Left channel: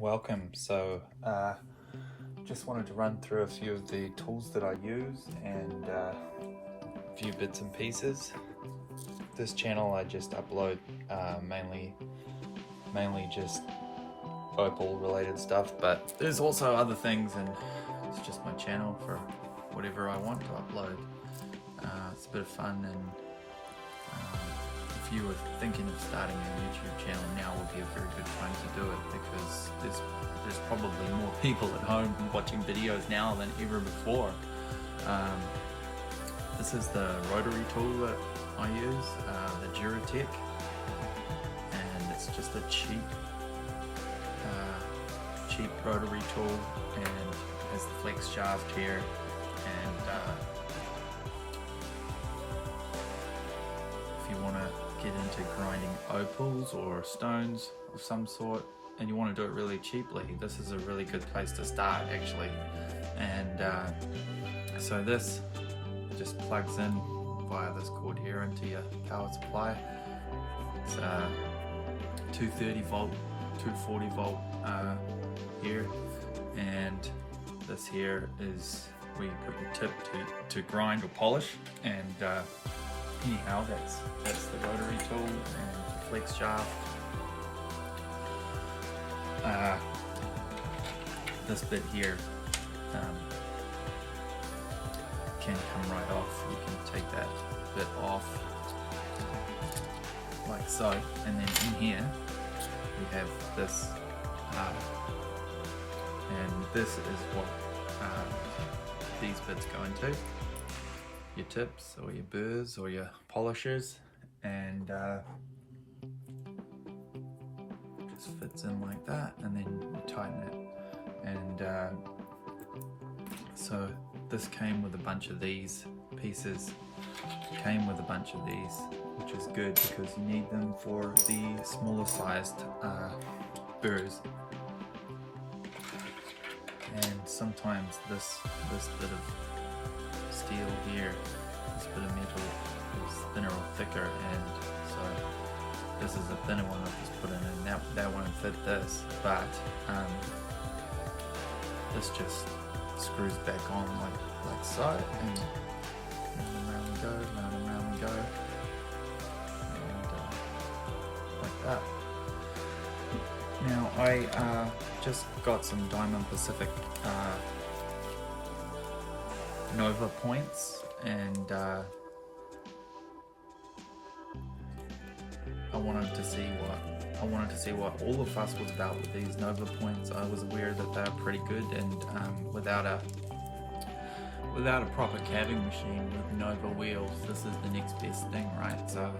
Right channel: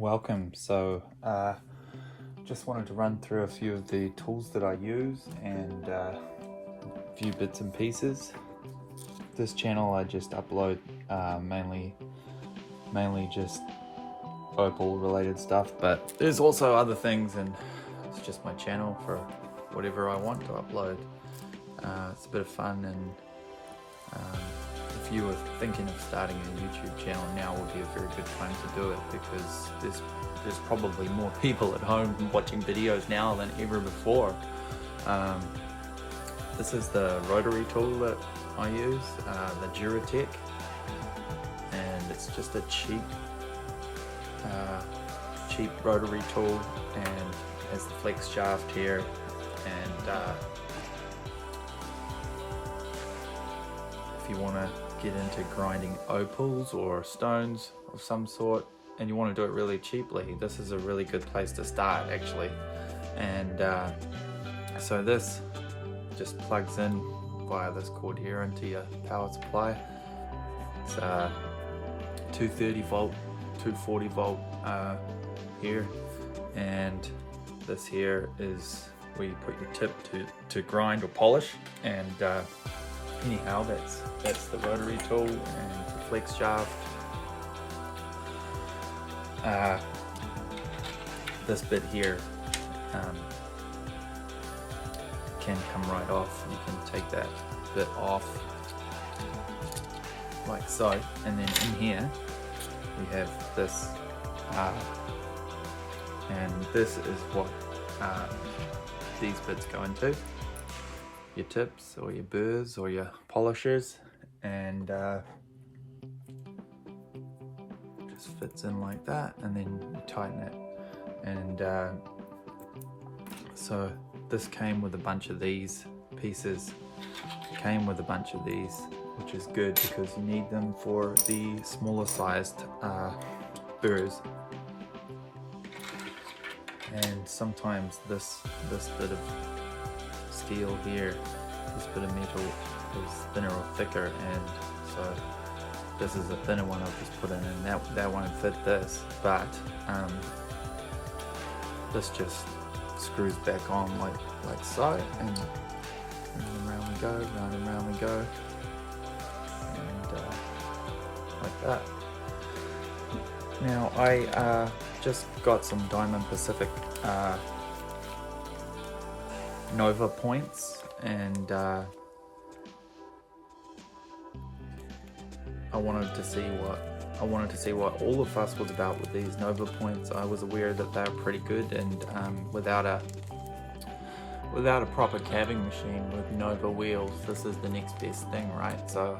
Welcome. Just wanted to run through a few of the tools that I use and a few bits and pieces. This channel I just upload mainly just Opal related stuff, but there's also other things, and it's just my channel for whatever I want to upload. It's a bit of fun, and if you are thinking of starting a YouTube channel, now would be a very good time to do it, because there's probably more people at home watching videos now than ever before. This is the rotary tool that I use, the Duratech, and it's just a cheap rotary tool, and has the flex shaft here, and if you want to get into grinding opals or stones of some sort and you want to do it really cheaply, this is a really good place to start actually. And so this just plugs in via this cord here into your power supply. It's 230 volt, 240 volt here, and this here is where you put your tip to grind or polish. And anyhow, that's the rotary tool and the flex shaft. This bit here can come right off. You can take that bit off like so, and then in here we have this, and this is what these bits go into. Your tips or your burrs or your polishers, and just fits in like that, and then you tighten it. And so this came with a bunch of these pieces, which is good because you need them for the smaller sized burrs. And sometimes this bit of steel here, this bit of metal is thinner or thicker, and so this is a thinner one I just put in, and that won't fit this, but this just screws back on like so, and round and round we go, and like that. Now I just got some Diamond Pacific Nova points, and I wanted to see what all the fuss was about with these Nova points. I was aware that they're pretty good, and without a proper calving machine with Nova wheels, this is the next best thing, right? So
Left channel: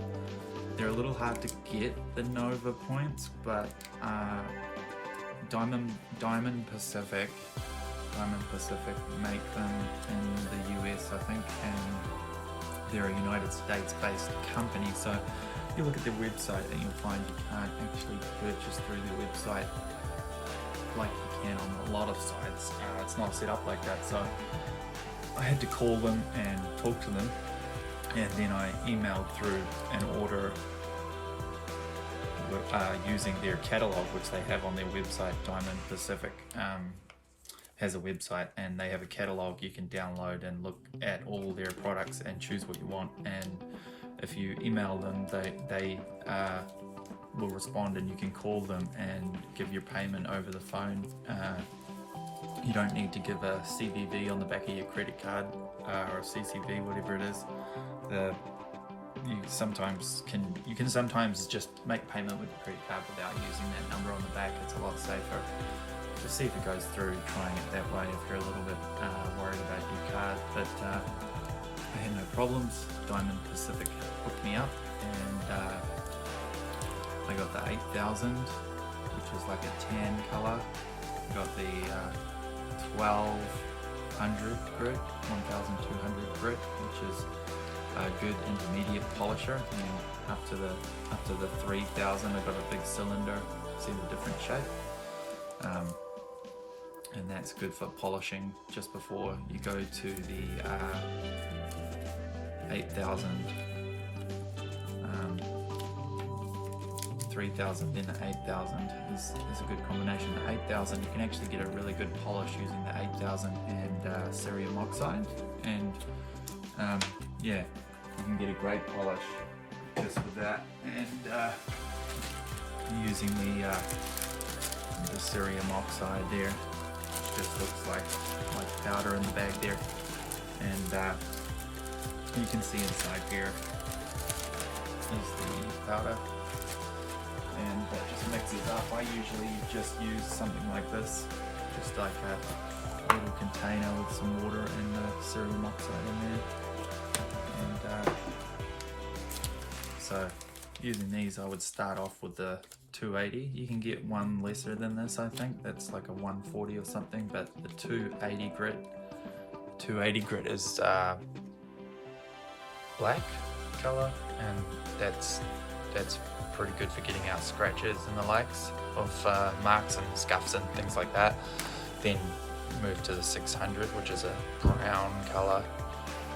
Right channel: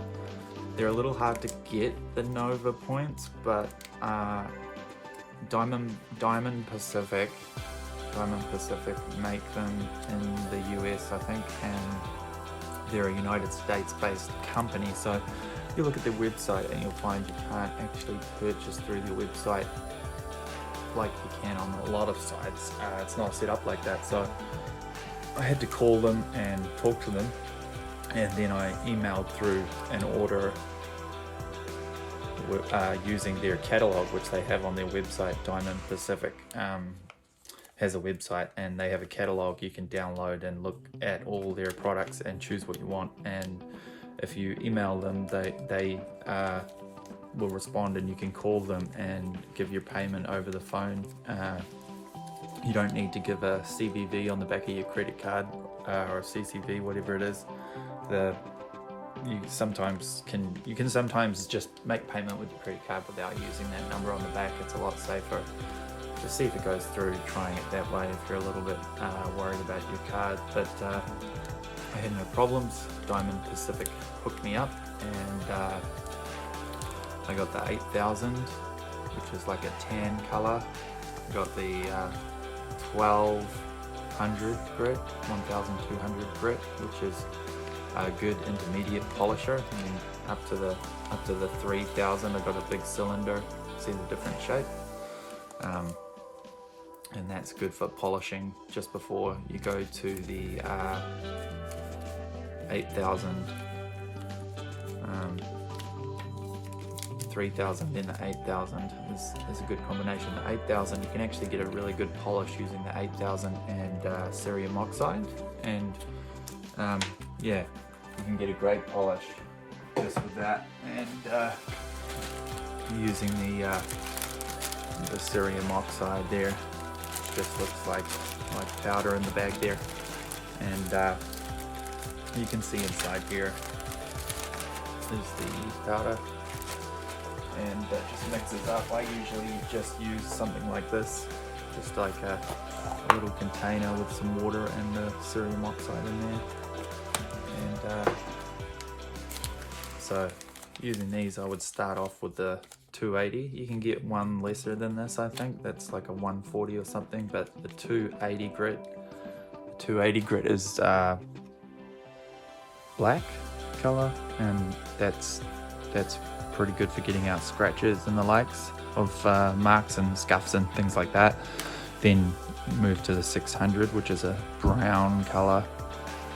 they're a little hard to get, the Nova points, but Diamond Pacific make them in the US, I think, and they're a United States based company. So you look at their website and you'll find you can't actually purchase through their website like you can on a lot of sites. It's not set up like that, so I had to call them and talk to them, and then I emailed through an order using their catalog, which they have on their website. Diamond Pacific has a website, and they have a catalog you can download and look at all their products and choose what you want. And if you email them, they will respond, and you can call them and give your payment over the phone. You don't need to give a CVV on the back of your credit card or a CCV, whatever it is. You can sometimes just make payment with your credit card without using that number on the back. It's a lot safer. Just see if it goes through, trying it that way if you're a little bit worried about your card. But I had no problems. Diamond Pacific hooked me up, and I got the 8000, which is like a tan color. I got the 1200 grit, 1200 grit, which is a good intermediate polisher. And then up to the 3000, I've got a big cylinder. See the different shape. And that's good for polishing just before you go to the 8000 3000, then the 8000 is a good combination. The 8000, you can actually get a really good polish using the 8000 and cerium oxide, and yeah, you can get a great polish just with that, and using the cerium oxide there. Just looks like powder in the bag there, and you can see inside here is the powder, and just mix it up. I usually just use something like this, just like a little container with some water and the cerium oxide in there, and so using these I would start off with the 280. You can get one lesser than this, I think that's like a 140 or something, but the 280 grit is black color, and that's pretty good for getting out scratches and the likes of marks and scuffs and things like that. Then move to the 600, which is a brown color.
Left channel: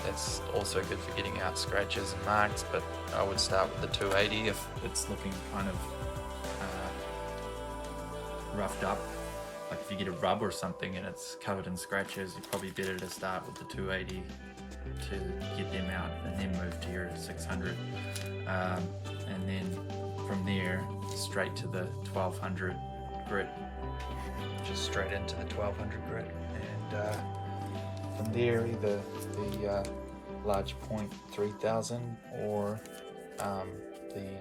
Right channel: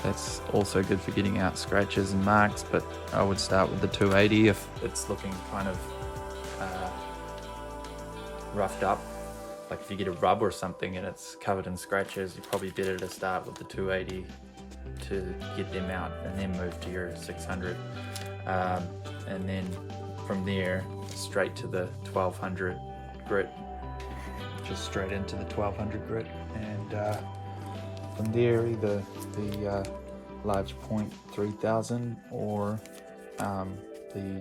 That's also good for getting out scratches and marks, but I would start with the 280 if it's looking kind of roughed up. Like if you get a rub or something and it's covered in scratches, it's probably better to start with the 280 to get them out, and then move to your 600, and then from there straight to the 1200 grit, just straight into the 1200 grit, and from there either the large point 3000 or the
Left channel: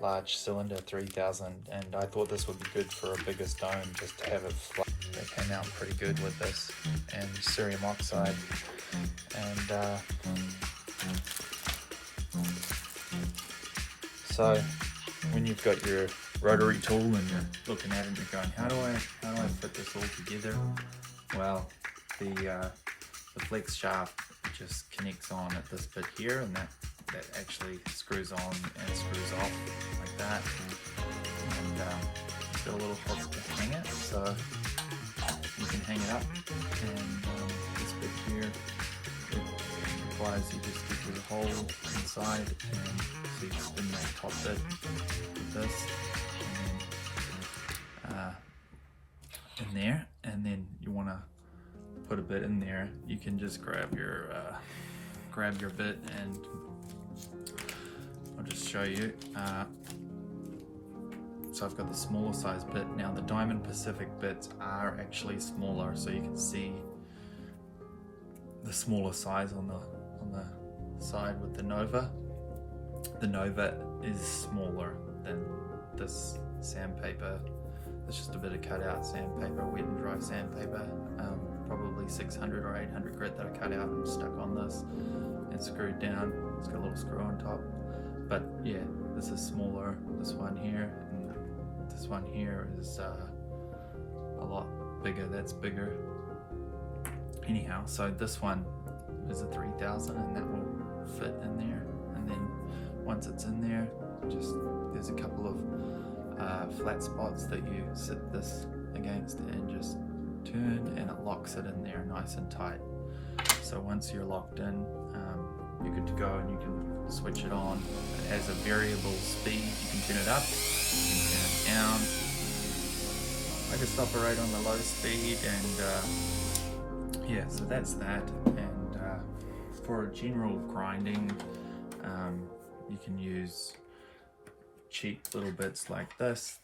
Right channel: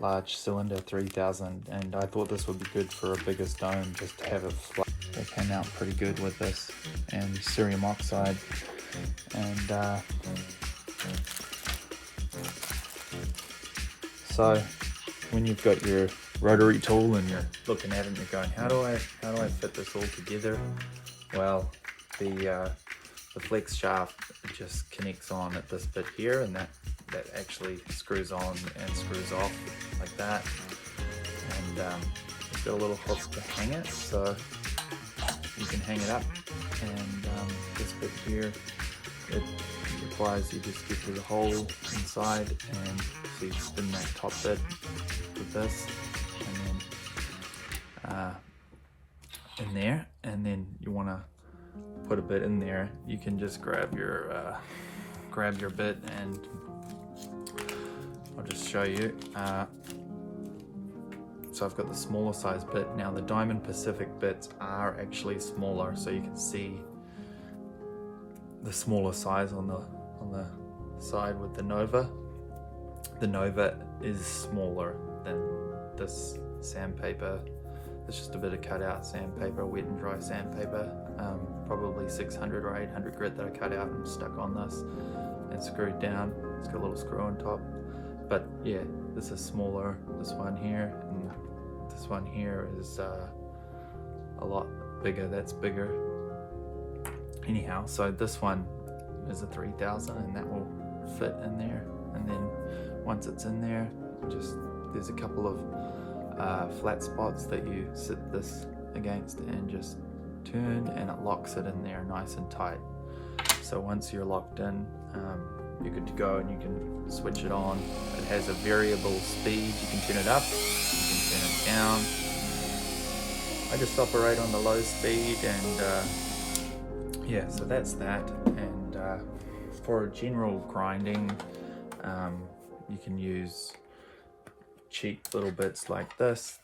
large cylinder 3000, and I thought this would be good for a bigger stone, just to have it flat. It came out pretty good with this, and cerium oxide, and so when you've got your rotary tool and you're looking at it and you're going, how do I fit this all together? Well, the flex shaft just connects on at this bit here, and that actually screws on and screws off like that, and it's got a little hook to hang it, so you can hang it up, and this bit here, it requires you just get through the hole inside, and so you spin that top bit with this, and then in there, and then you want to put a bit in there. You can just grab your bit, and I'll just show you. So I've got the smaller size bit. Now the Diamond Pacific bits are actually smaller, so you can see the smaller size on the side with the Nova. The Nova is smaller than this sandpaper. It's just a bit of cutout sandpaper, wet and dry sandpaper, probably 600 or 800 grit that I cut out and stuck on this and screwed down. It's got a little screw on top, but yeah, this is smaller. This one here and this one here is a lot bigger. That's bigger. Anyhow, so this one is a 3000, and that will fit in there. And then once it's in there, there's a couple of flat spots that you sit this against and just turn, and it locks it in there nice and tight. So once you're locked in, you're good to go, and you can switch it on. It has a variable speed. You can turn it up, you can turn it down. I just operate on the low speed, and yeah, so that's that. And for general grinding, you can use cheap little bits like this.